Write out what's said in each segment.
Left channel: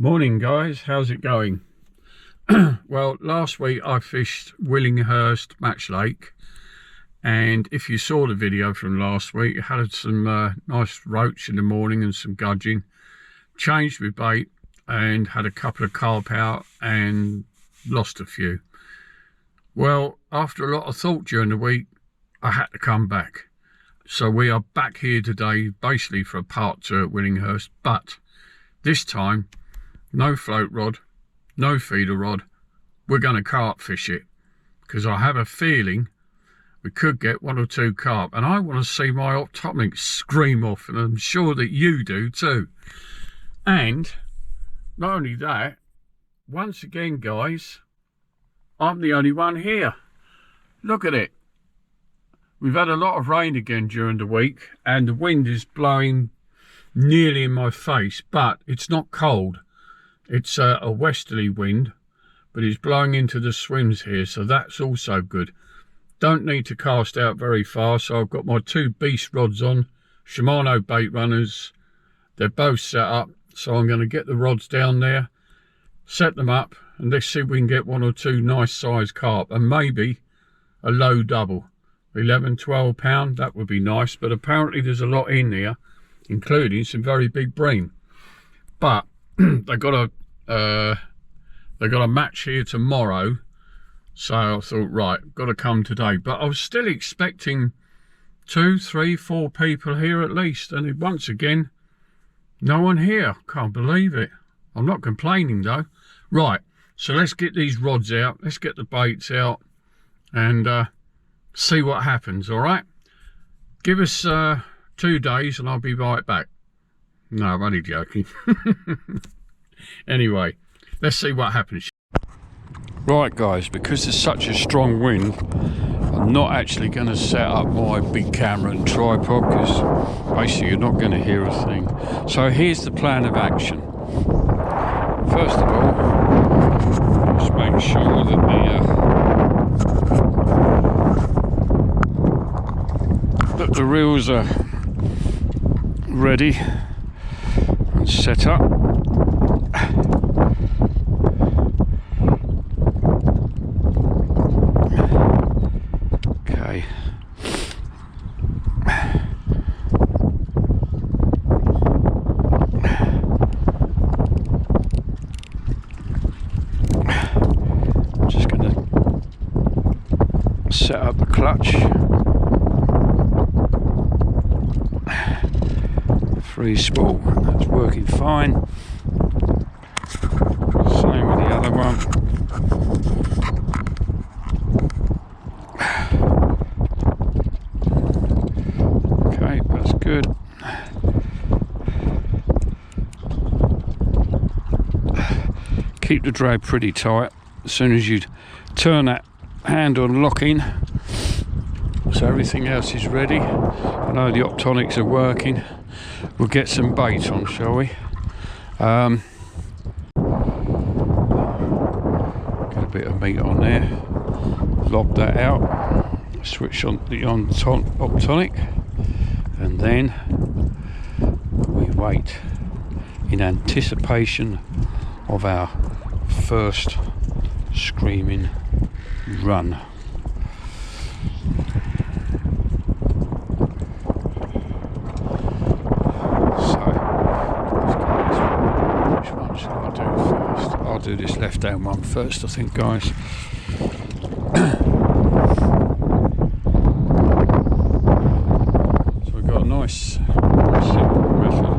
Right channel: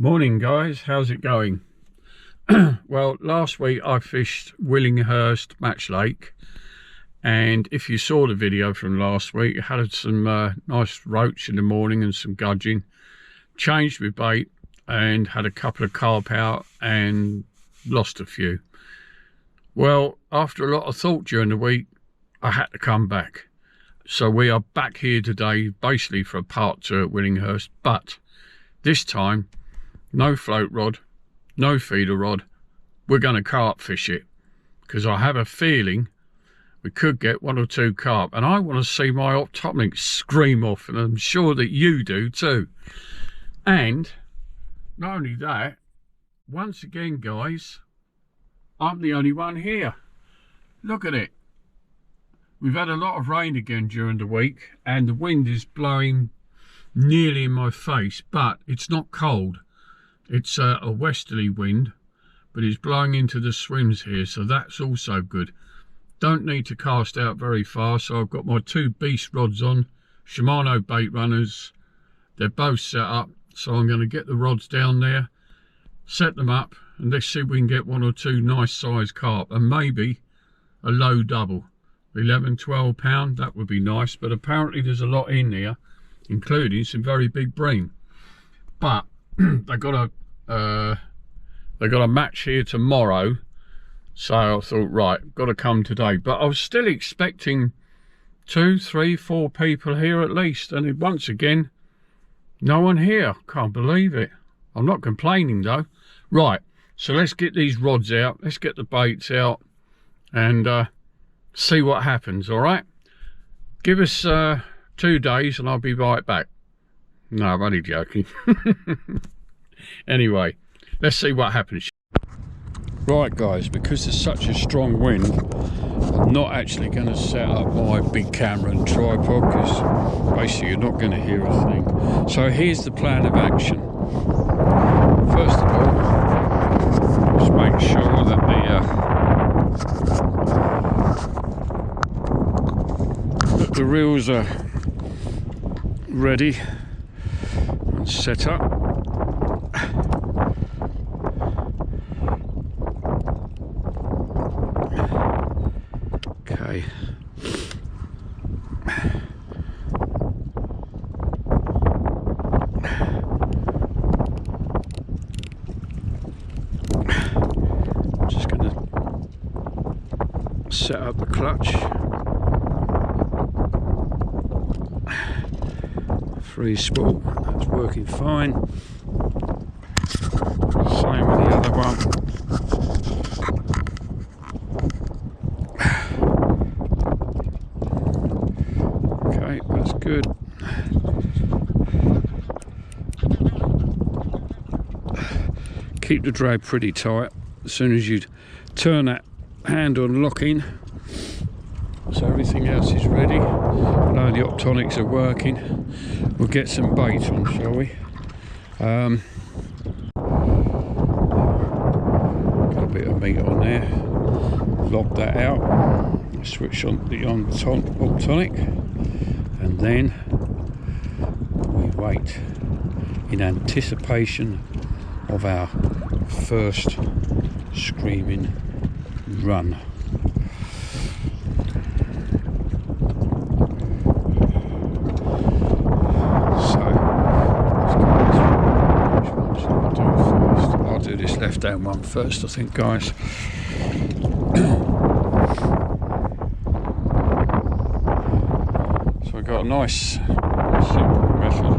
Morning guys, how's it going? Well, last week I fished Willinghusrt Match Lake, and if you saw the video from last week, I had some nice roach in the morning and some gudgeon. Changed my bait and had a couple of carp out and lost a few. Well, after a lot of thought during the week, I had to come back. So we are back here today basically for a part 2 at Willinghusrt, but this time no float rod, no feeder rod. We're going to carp fish it because I have a feeling we could get 1 or 2 carp, and I want to see my optomic scream off, and I'm sure that you do too. And not only that, once again guys, I'm the only one here. Look at it. We've had a lot of rain again during the week, and the wind is blowing nearly in my face, but it's not cold. It's a westerly wind, but it's blowing into the swims here, so that's also good. Don't need to cast out very far, so I've got my 2 beast rods on, Shimano bait runners. They're both set up, so I'm going to get the rods down there, set them up, and let's see if we can get 1 or 2 nice sized carp, and maybe a low double. 11-12 pound, that would be nice, but apparently there's a lot in there, including some very big bream. But they got a match here tomorrow, so I thought, right, got to come today. But I was still expecting 2, 3, 4 people here at least, and once again, no one here. Can't believe it. I'm not complaining though. Right, so let's get these rods out, let's get the baits out, and see what happens. All right, give us 2 days and I'll be right back. No, I'm only joking. Anyway, let's see what happens. Right guys, because there's such a strong wind, I'm not actually going to set up my big camera and tripod, because basically you're not going to hear a thing. So here's the plan of action. First of all, just make sure that the reels are ready and set up. Okay. Just going to set up the clutch. Free spool, that's working fine. Same with the other one. Okay, that's good. Keep the drag pretty tight. As soon as you turn that handle and lock in, so everything else is ready. I know the optonics are working. We'll get some bait on, shall we? Get a bit of meat on there. Lob that out. Switch on the optonic, and then we wait in anticipation of our first screaming run. So let's get this one. Which one shall I do first? I'll do this left hand one first, I think, guys. So we've got a nice simple method.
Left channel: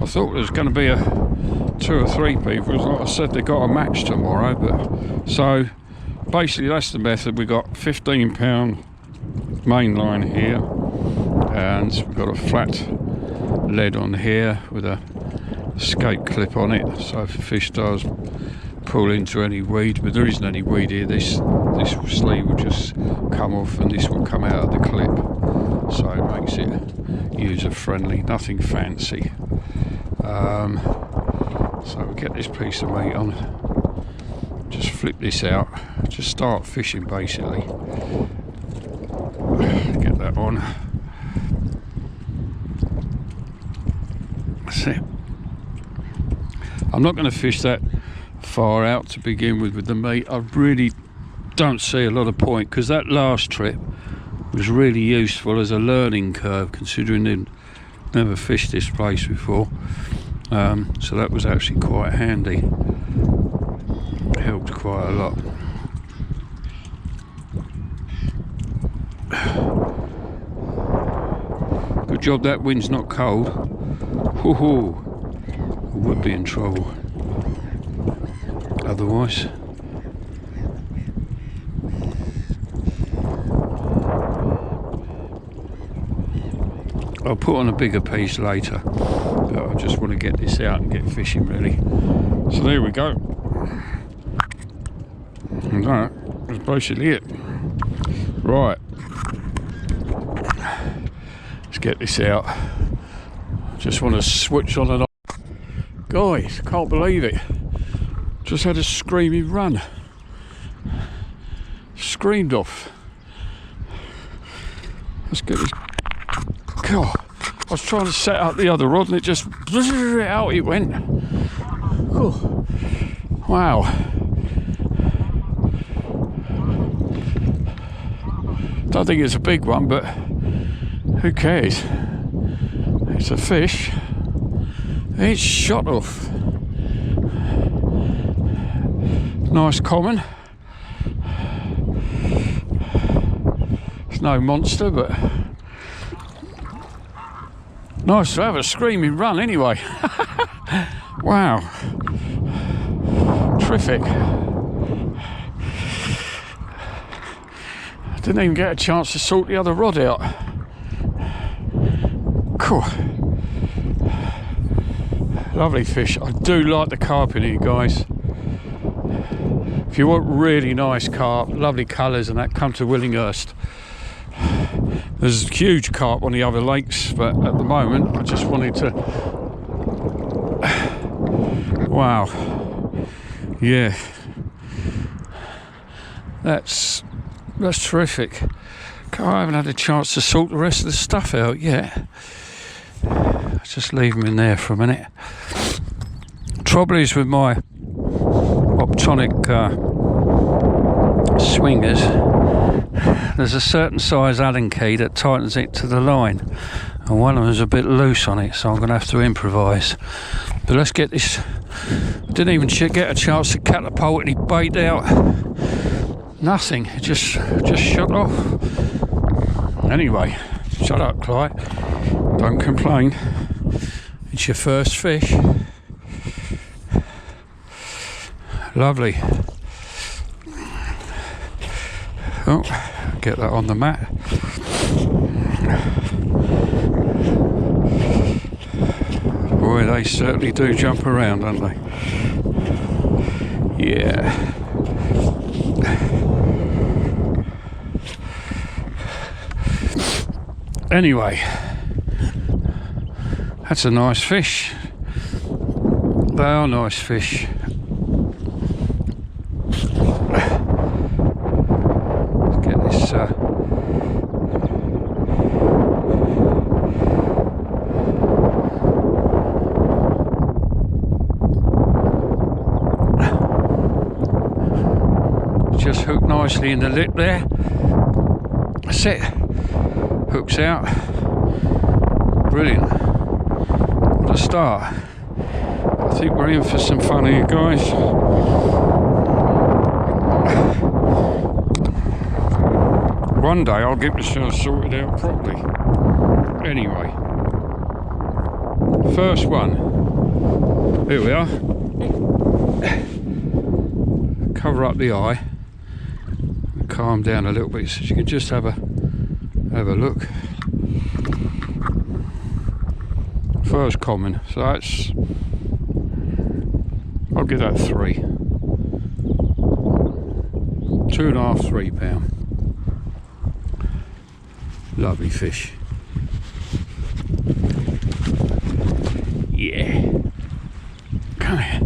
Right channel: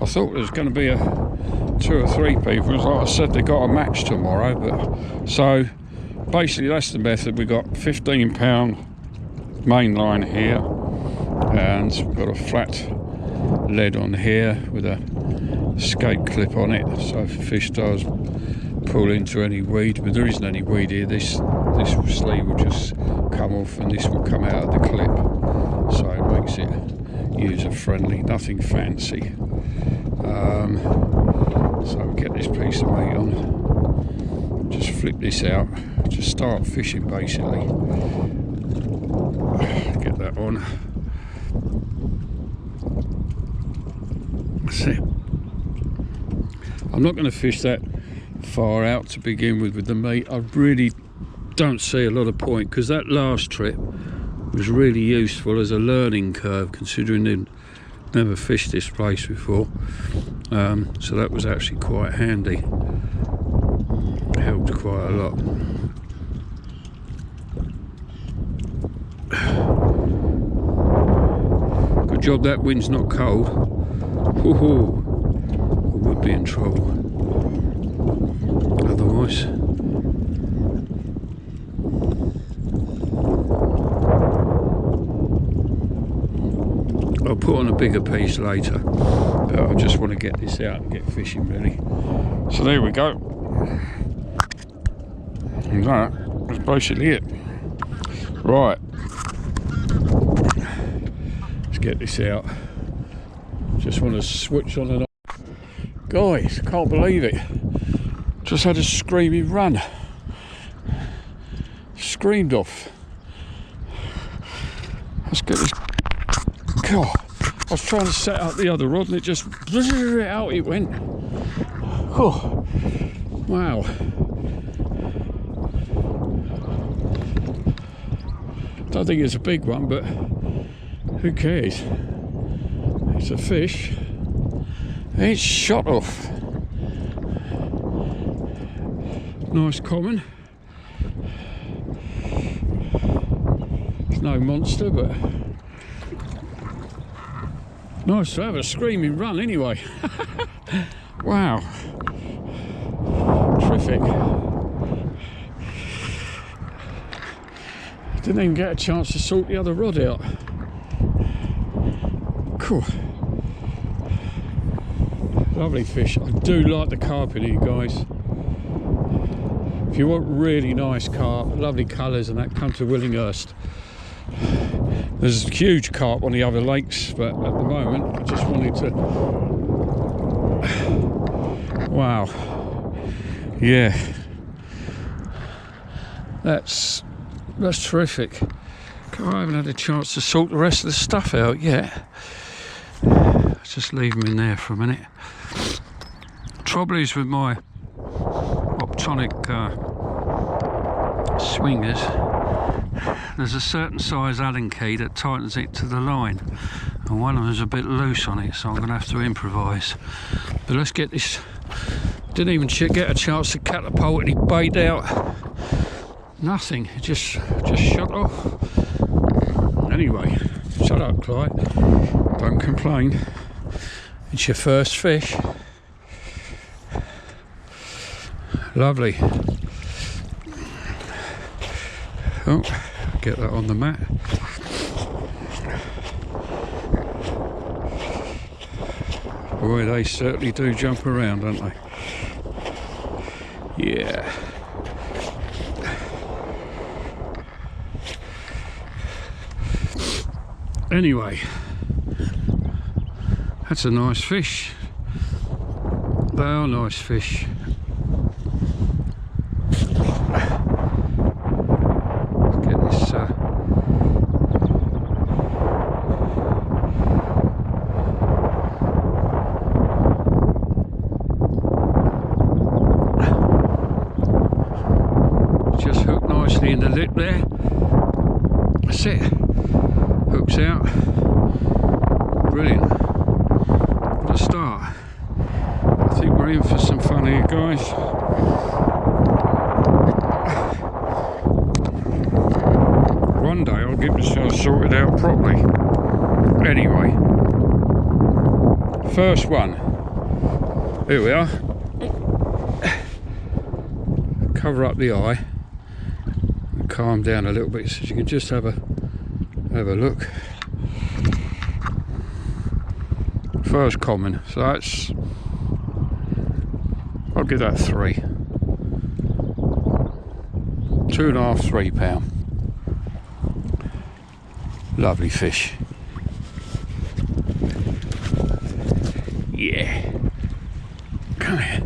I thought there was going to be 2 or 3 people. Like I said, they got a match tomorrow, but so basically that's the method. We got 15 pound main line here, and we've got a flat lead on here with a escape clip on it, so if the fish does pull into any weed, but there isn't any weed here, this sleeve will just come off and this will come out of the clip, so it makes it user friendly, nothing fancy. So we get this piece of meat on, just flip this out, just start fishing basically. Get that on. That's it. I'm not going to fish that far out to begin with the meat. I really don't see a lot of point, because that last trip was really useful as a learning curve, considering I'd never fished this place before. So that was actually quite handy. It helped quite a lot. Good job that wind's not cold. Woohoo! I would be in trouble otherwise. I'll put on a bigger piece later, but I just want to get this out and get fishing really. So there we go. And that's basically it. Right. Let's get this out. Just want to switch on and off. Guys, can't believe it. Just had a screaming run. Screamed off. Let's get this. God, I was trying to set up the other rod and it just out it went. Oh, wow. Don't think it's a big one, but who cares? It's a fish. It's shot off. Nice common. It's no monster, but nice to have a screaming run anyway. Wow. Terrific. Didn't even get a chance to sort the other rod out. Cool. Lovely fish. I do like the carp in here, guys. If you want really nice carp, lovely colours and that, come to Willinghusrt. There's huge carp on the other lakes, but at the moment I just wanted to... Wow. Yeah. That's terrific. I haven't had a chance to sort the rest of the stuff out yet. Let's just leave them in there for a minute. Trouble is with my optonic swingers, there's a certain size Allen key that tightens it to the line, and one of them is a bit loose on it, so I'm going to have to improvise. But let's get this. Didn't even get a chance to catapult any bait out. Nothing. It just shut off. Anyway, shut up, Clyde. Don't complain. It's your first fish. Lovely. Oh, get that on the mat. Boy, they certainly do jump around, don't they? Yeah. Anyway, that's a nice fish. They are nice fish. Let's get this just hooked nicely in the lip there. That's it. Hooks out. Brilliant. What a start. I think we're in for some fun here, guys. One day I'll get myself sorted out properly. Anyway, first one. Here we are. Cover up the eye and calm down a little bit so you can just have a look. First common, so that's, I'll give that 3. 2.5, 3 pound. Lovely fish. Come here.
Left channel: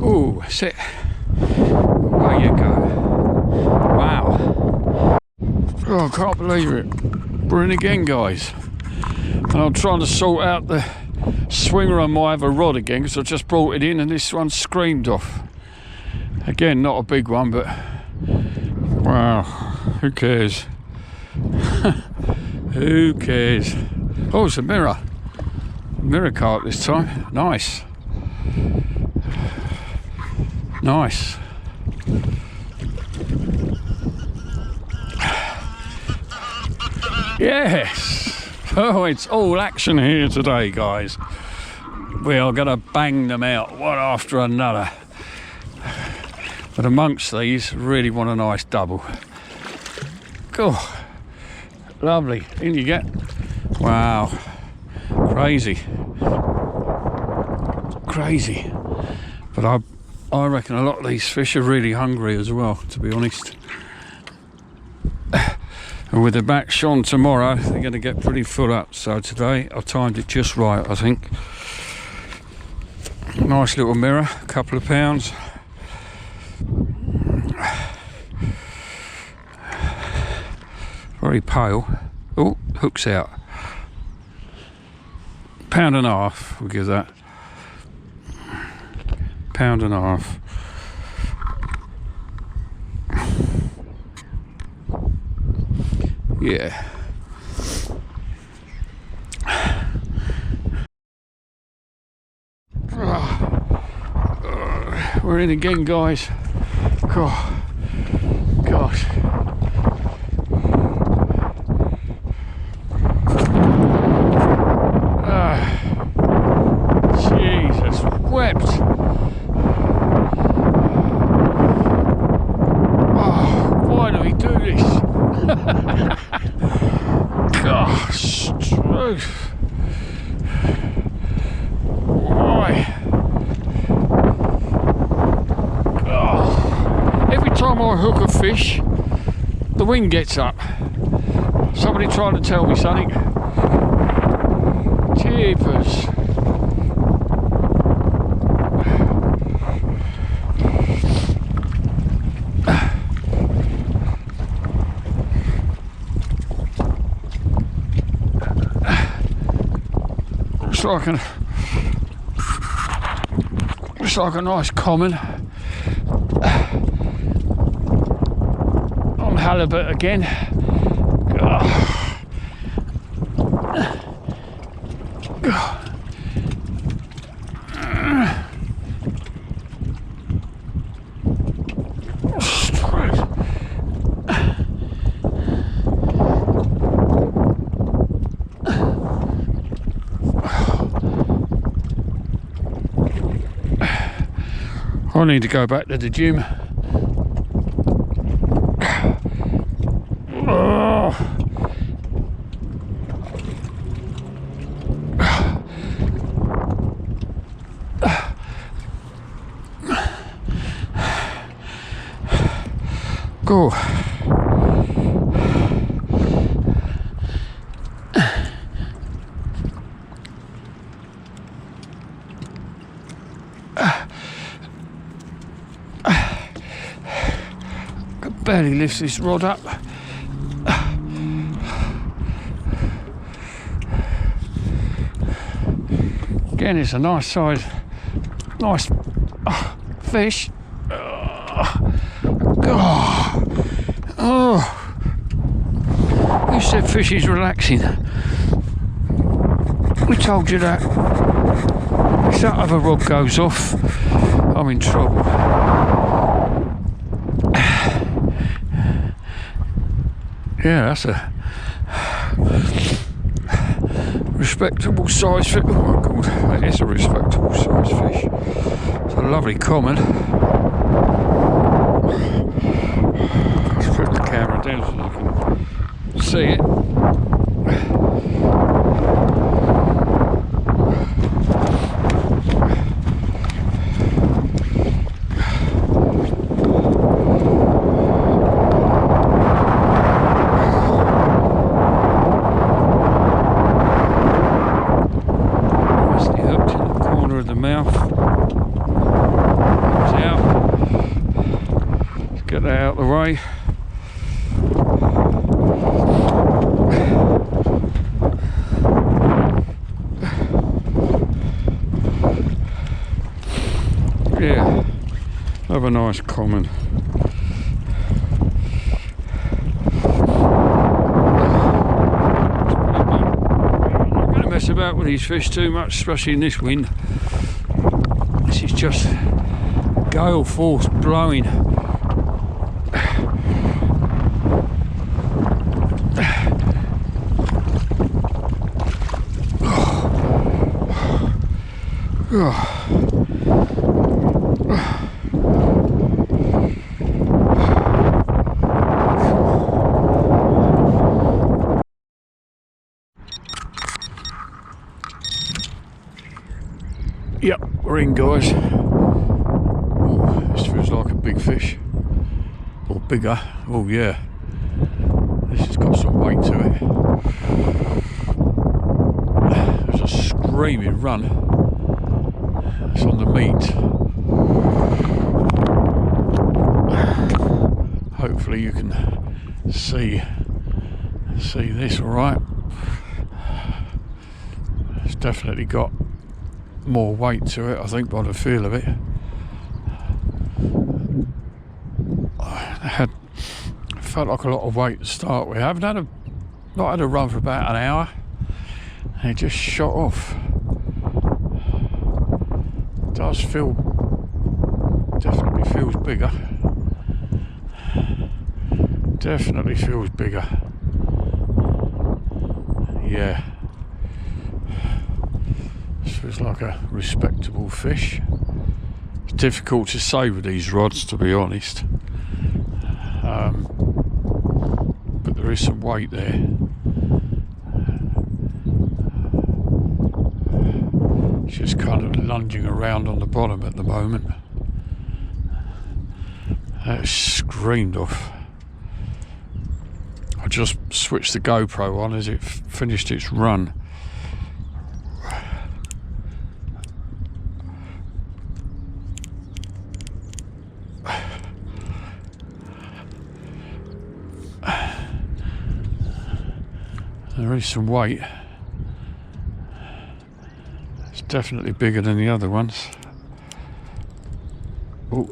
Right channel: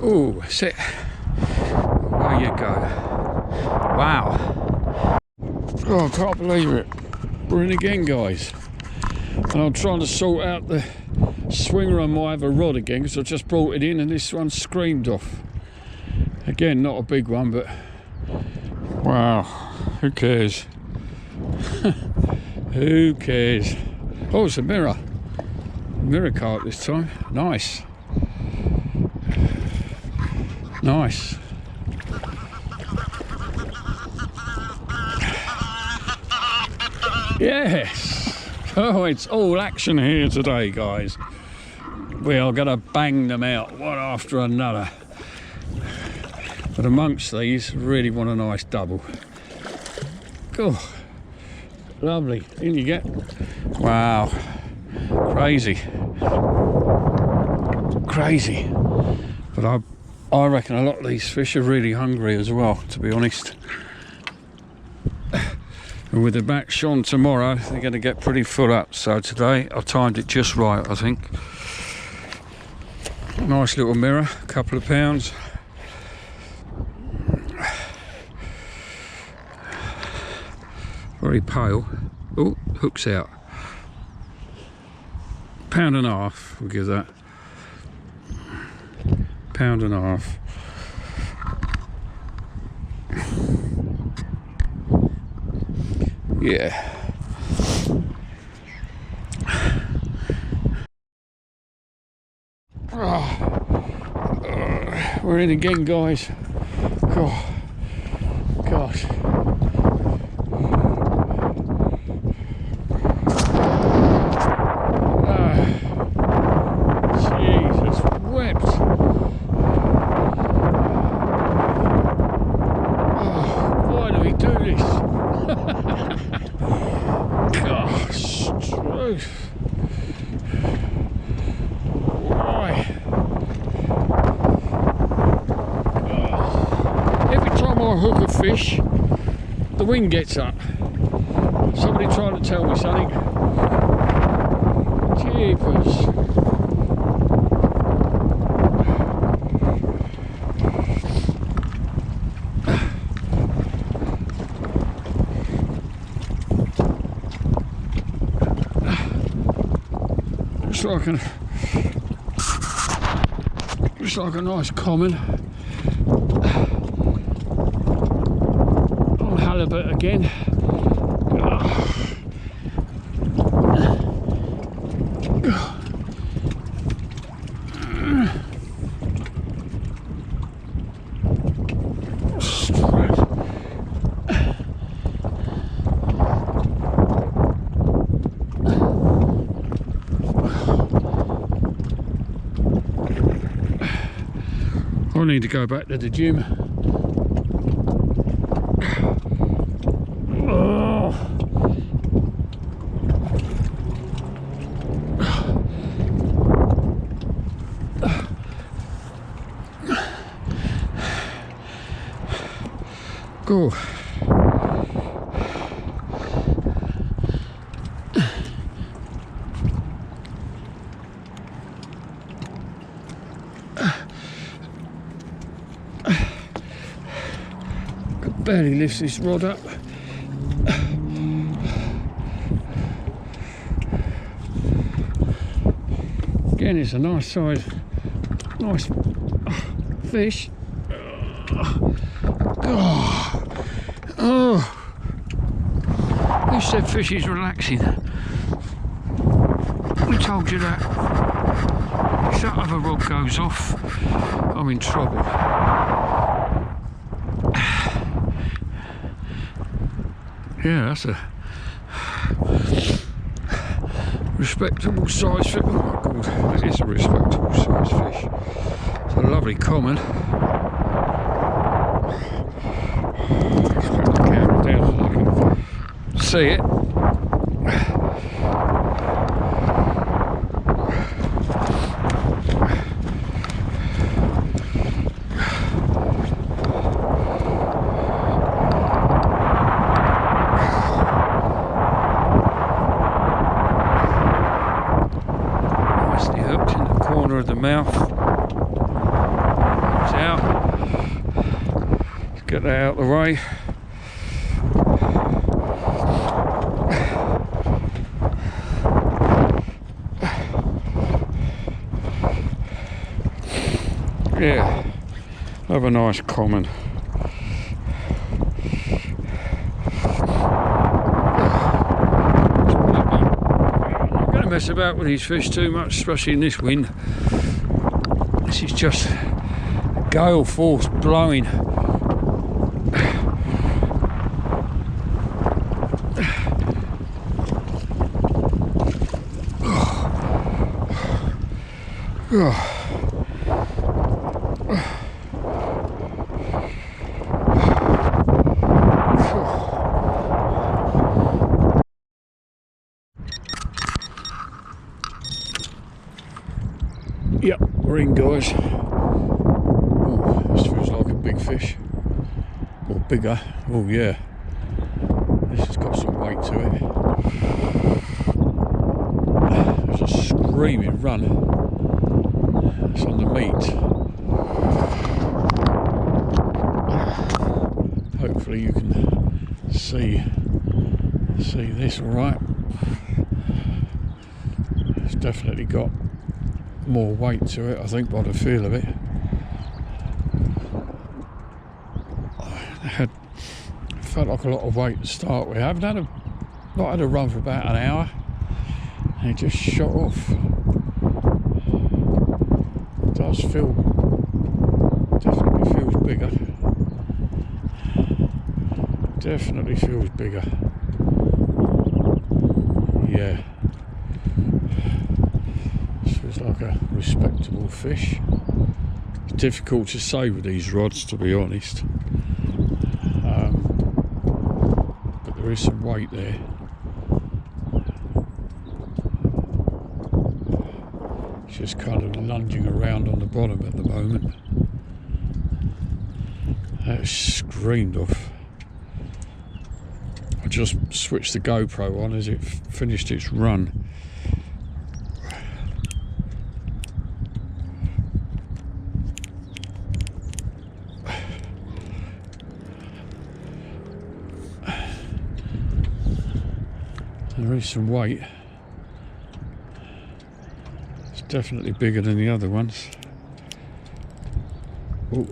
Oh, sit. Away you go. Wow. Oh, I can't believe it. We're in again, guys. And I'm trying to sort out the swinger. I might have a rod again because I just brought it in and this one screamed off. Again, not a big one, but wow, who cares? Who cares? Oh, it's a mirror. Mirror carp this time. Nice. Nice. Yes. Oh, it's all action here today, guys. We are going to bang them out one after another. But amongst these, really want a nice double. Oh, lovely. In you get. Wow. Crazy. Crazy. But I reckon a lot of these fish are really hungry as well, to be honest. And with the back shone tomorrow, they're going to get pretty full up. So today, I timed it just right, I think. Nice little mirror, a couple of pounds. Very pale. Oh, hook's out. £1.5, we'll give that. £1.5. Yeah. We're in again, guys. God. Gosh. Jesus wept. Oh, why do we do this? Gosh, truth. Why? Oh. Every time I hook a fish, the wind gets up. Somebody trying to tell me something. Jeepers. Looks like a nice common. On halibut again. I need to go back to the gym. Oh. Go. Barely lifts this rod up. Again, it's a nice size, nice fish. God. Oh. Who said fish is relaxing? We told you that. If that other rod goes off, I'm in trouble. Yeah, that's a respectable size fish. Oh my god, that is a respectable size fish. It's a lovely common. Let's put the camera down so you can see it. corner of the mouth. It's out. Let's get that out of the way. Yeah, have a nice common. Let's put it back. I'm not going to mess about with these fish too much, especially in this wind. This is just gale force blowing. Yep, we're in, guys. Oh, this feels like a big fish. Or bigger. Oh yeah. This has got some weight to it. There's a screaming run. It's on the meat. Hopefully you can see this all right. It's definitely got more weight to it, I think, by the feel of it. Felt like a lot of weight to start with. I haven't had not had a run for about an hour, and it just shot off. It does feel, definitely feels bigger. Definitely feels bigger. Yeah. This feels like a respectable fish. It's difficult to say with these rods, to be honest. But there is some weight there. It's just kind of lunging around on the bottom at the moment. That screamed off. I just switched the GoPro on as it finished its run. There is some weight. It's definitely bigger than the other ones. Oh.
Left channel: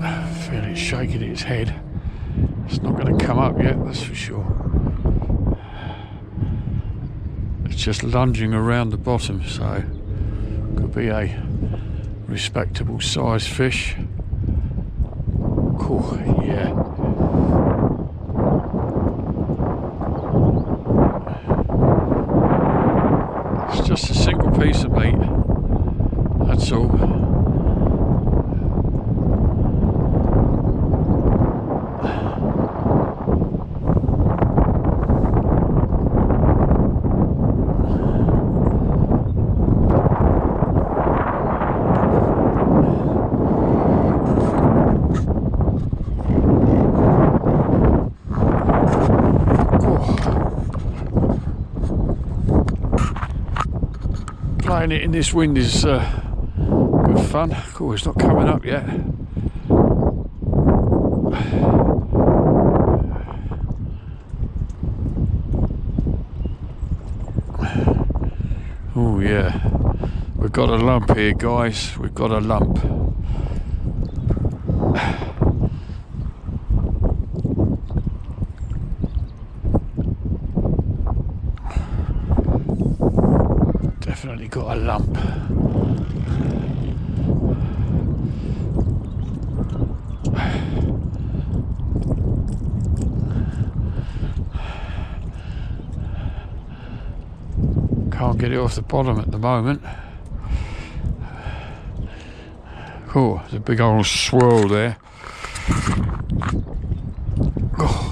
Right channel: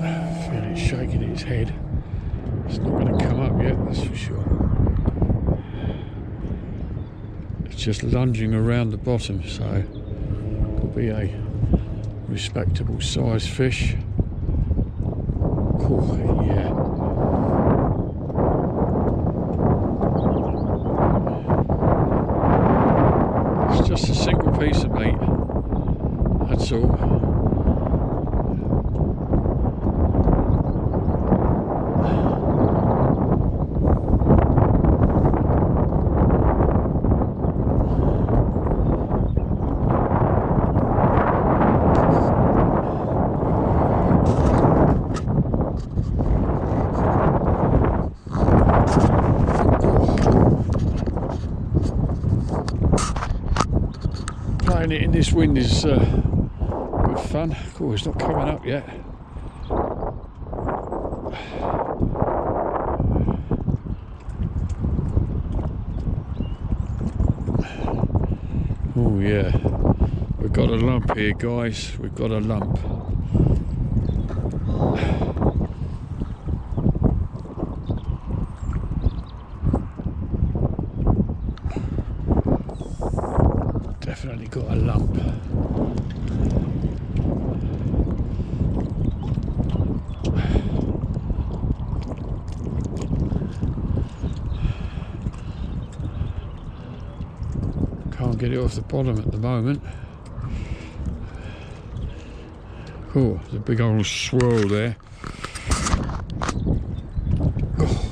I feel it shaking its head. It's not going to come up yet, that's for sure. It's just lunging around the bottom, so could be a respectable size fish. Cool, yeah. It's just a single piece of meat, that's all. Playing it in this wind is good fun. Cool, it's not coming up yet. Oh yeah, we've got a lump here, guys. We've got a lump. Definitely got a lump. Can't get it off the bottom at the moment. Cool, there's a big old swirl there. Oh.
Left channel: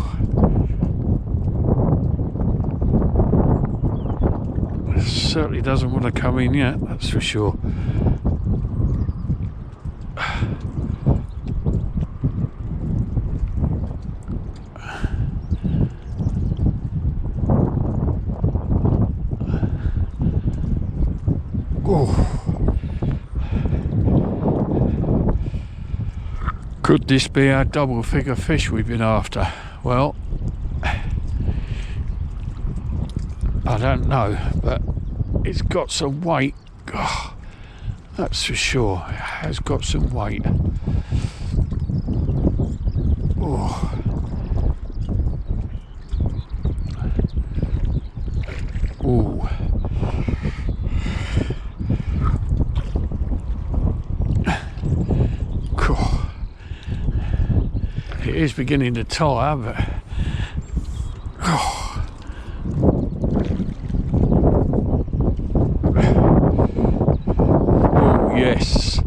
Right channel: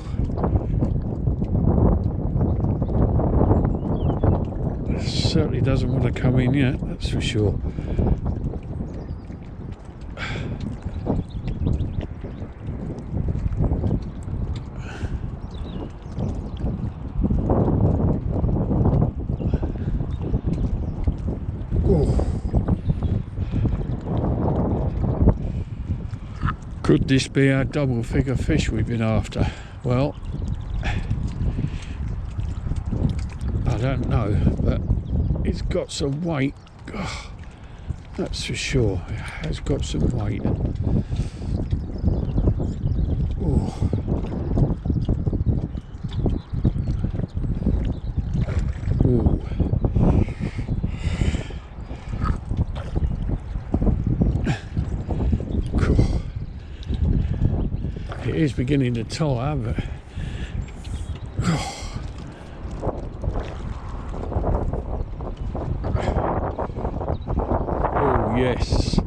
Certainly doesn't want to come in yet, that's for sure. Oh. Could this be our double figure fish we've been after? Well, I don't know, but it's got some weight. Oh, that's for sure. It has got some weight. Oh. Ooh. Cool. It is beginning to tire, but oh. Oh yes,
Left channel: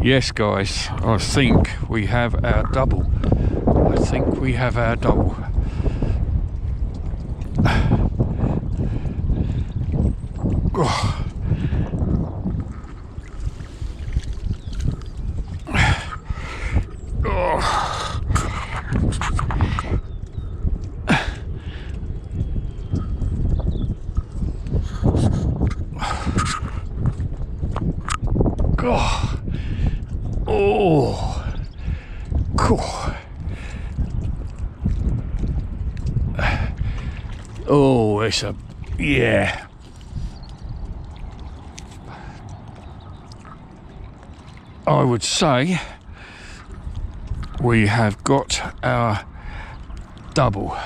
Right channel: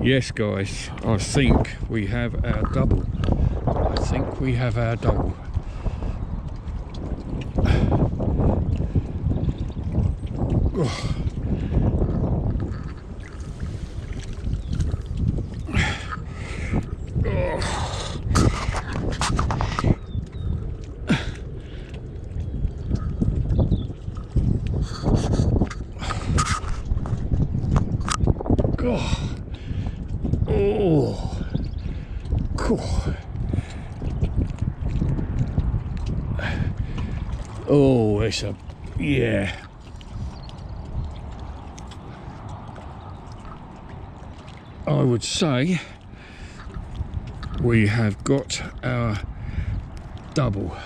yes guys, I think we have our double. I think we have our double. Oh. Oh. Oh. Oh. Cool. Oh, it's a, yeah. I would say we have got our double.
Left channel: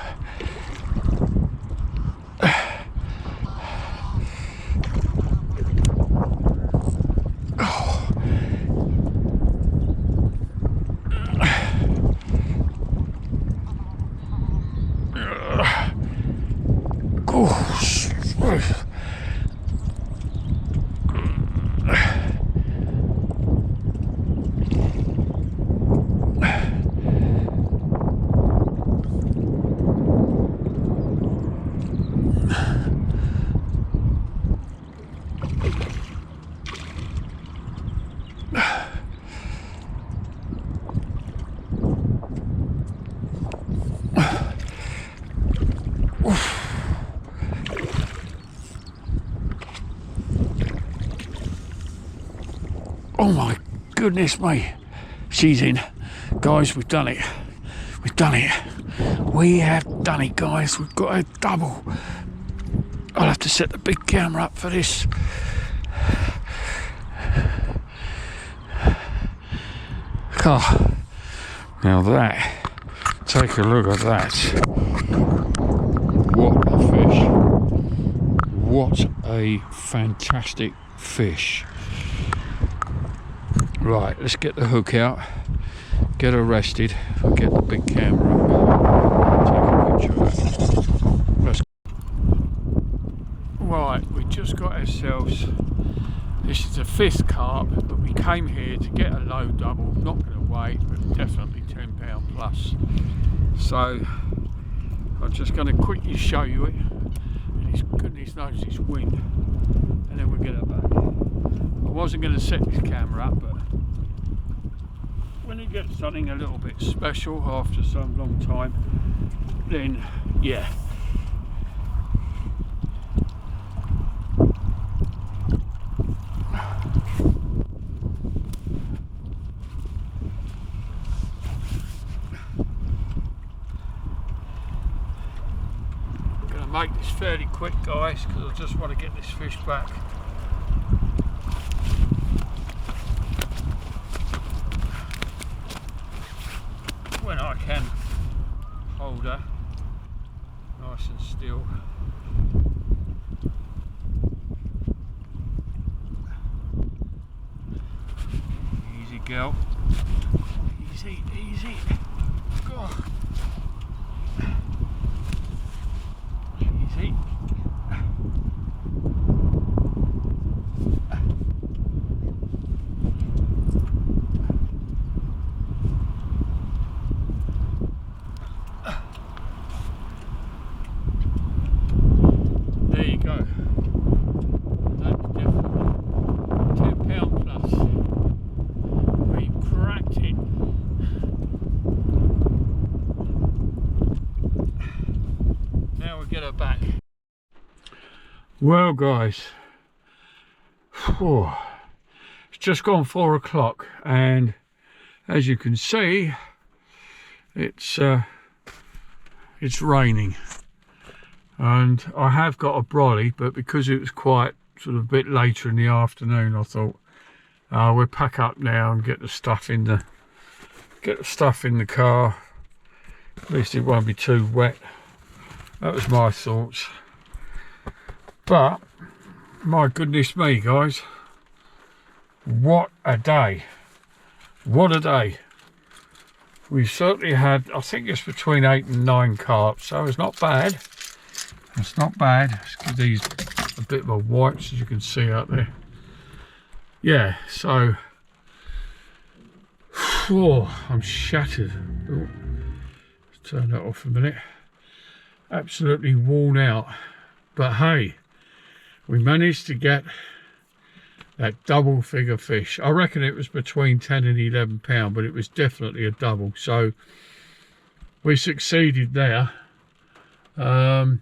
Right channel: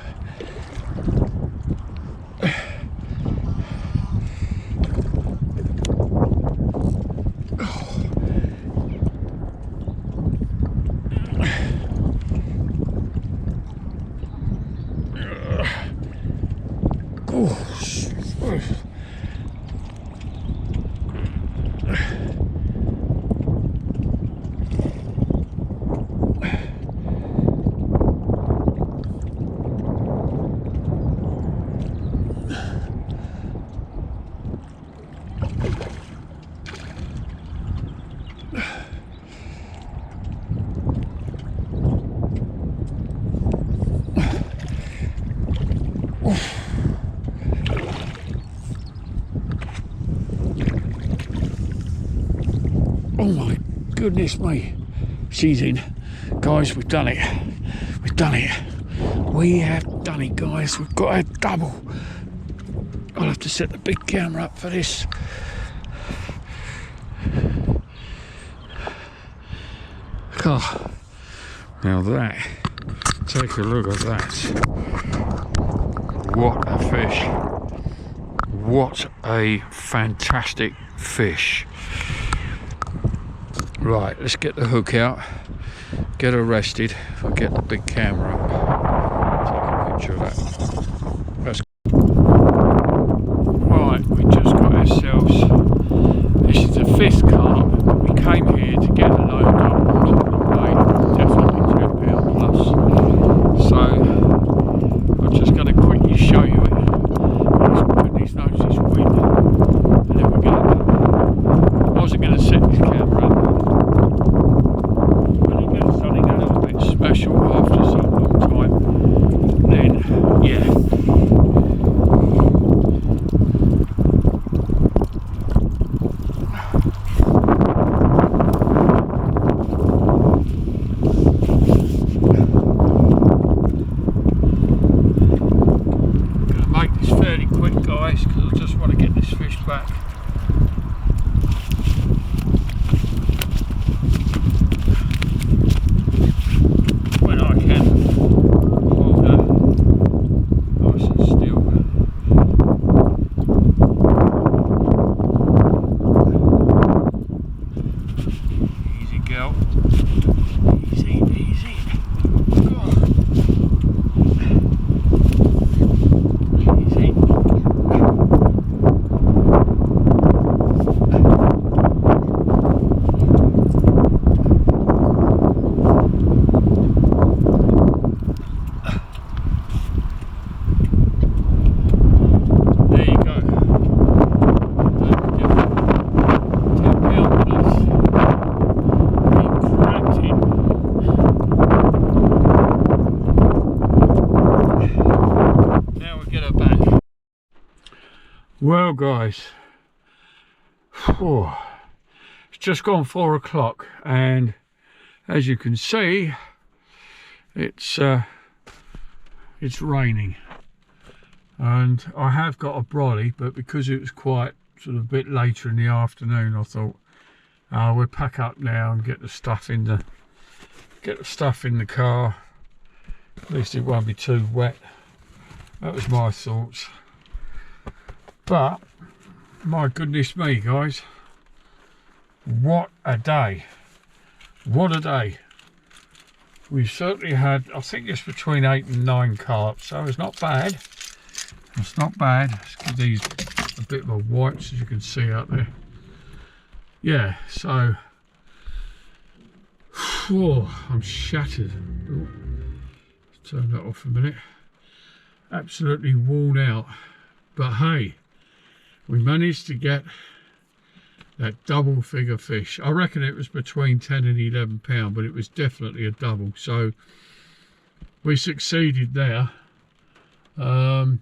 Oh my goodness me, she's in. Guys, we've done it. We've done it. We have done it, guys. We've got a double. I'll have to set the big camera up for this. Oh, now that, take a look at that. What a fish. What a fantastic fish. Right, let's get the hook out, get her rested. If I get the big camera up, take a picture of that. Let's... Right, we just got ourselves, this is the 5th carp, but we came here to get a load up. I'm not going to weigh, definitely 10 pound plus. So, I'm just going to quickly show you it. Goodness knows this wind. And then we're going to, I wasn't going to set this camera up. When you get something a little bit special after some long time, then yeah. I'm going to make this fairly quick, guys, because I just want to get this fish back. When I can hold her nice and still. Easy, girl. Easy, easy. Oh. Easy. There you go. That's different. 10 pound plus. We cracked it. Now we get her back. Well, guys, Oh, it's just gone 4 o'clock, and as you can see, it's raining, and I have got a brolly, but because it was quite sort of a bit later in the afternoon, I thought we'll pack up now and get the stuff in the car. At least it won't be too wet. That was my thoughts. But my goodness me, guys, what a day! What a day! We've certainly had, I think it's between 8 and 9 carp, so it's not bad. It's not bad. Let's give these a bit of a wipe, as you can see out there. Yeah, so I'm shattered. Oh, let's turn that off a minute. Absolutely worn out, but hey, we managed to get that double figure fish. I reckon it was between 10 and 11 pound, but it was definitely a double, so we succeeded there. And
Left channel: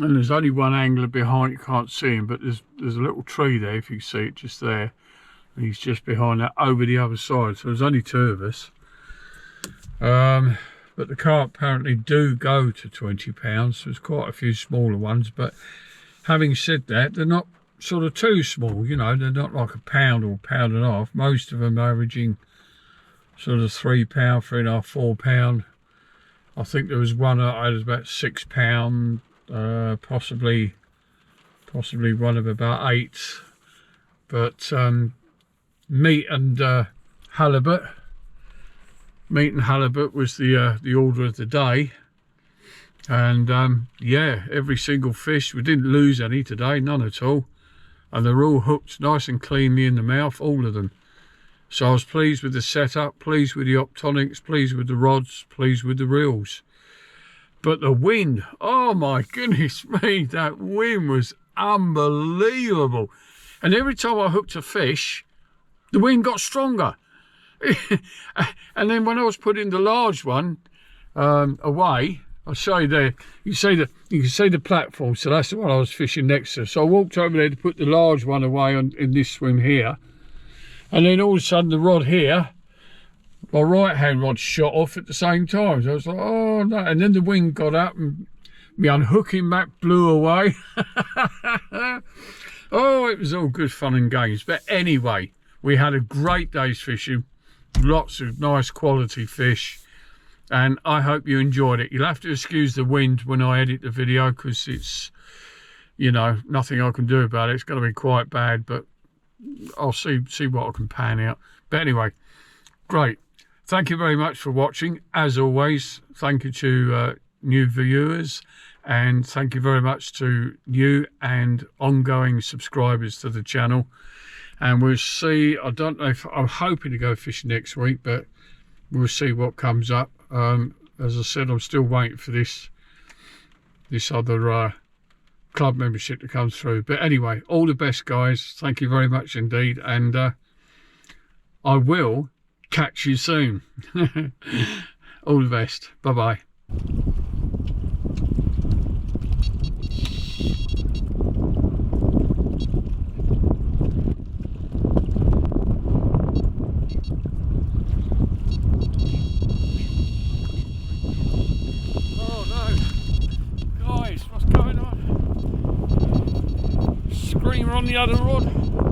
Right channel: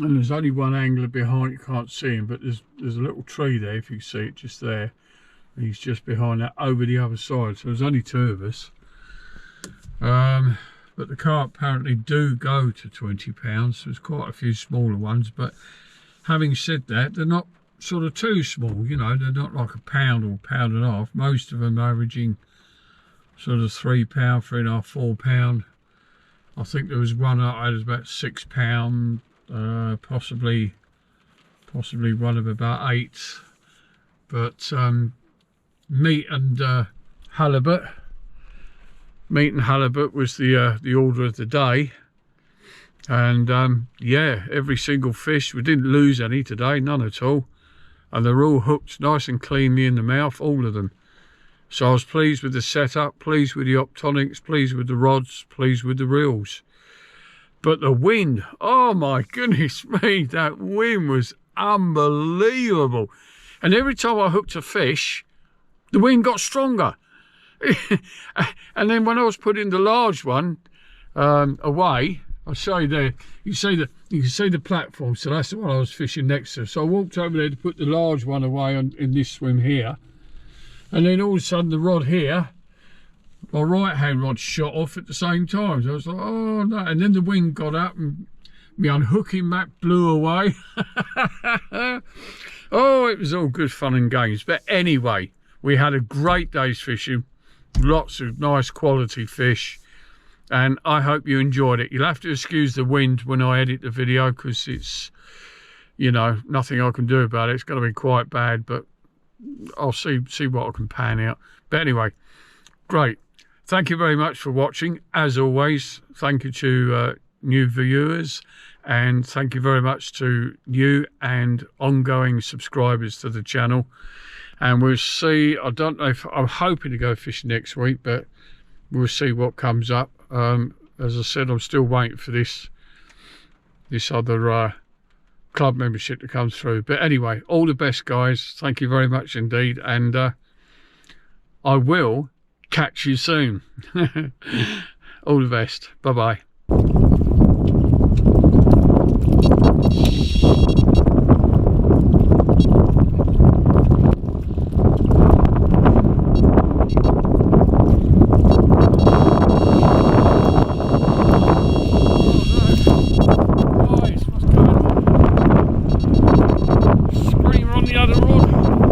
there's only one angler behind, you can't see him, but there's a little tree there, if you see it, just there. And he's just behind that over the other side, so there's only 2 of us. But the carp apparently do go to 20 pounds, so there's quite a few smaller ones, but having said that, they're not sort of too small, you know, they're not like a pound or pound and a half. Most of them averaging sort of 3 pound, 3.5, 4 pound. I think there was one I had about 6 pound, possibly one of about 8. But meat and halibut was the order of the day. And yeah, every single fish, we didn't lose any today, none at all, and they're all hooked nice and cleanly in the mouth, all of them. So I was pleased with the setup, pleased with the optonics, pleased with the rods, pleased with the reels. But the wind, oh my goodness me, that wind was unbelievable. And every time I hooked a fish, the wind got stronger. And then when I was putting the large one away, I'll show you there, you can see the platform, so that's the one I was fishing next to. So I walked over there to put the large one away in this swim here, and then all of a sudden the rod here, my right hand rod shot off at the same time. So I was like, oh no, and then the wind got up and my unhooking mat blew away. Oh, it was all good fun and games. But anyway, we had a great day's fishing, lots of nice quality fish, and I hope you enjoyed it. You'll have to excuse the wind when I edit the video, because it's, you know, nothing I can do about it. It's going to be quite bad, but I'll see what I can pan out. But anyway, great. Thank you very much for watching. As always, thank you to new viewers, and thank you very much to new and ongoing subscribers to the channel. And we'll see, I don't know if, I'm hoping to go fishing next week, but we'll see what comes up. As I said, I'm still waiting for this other club membership to come through. But anyway, all the best, guys. Thank you very much indeed, and I will catch you soon. All the best. Bye bye. On the other rod.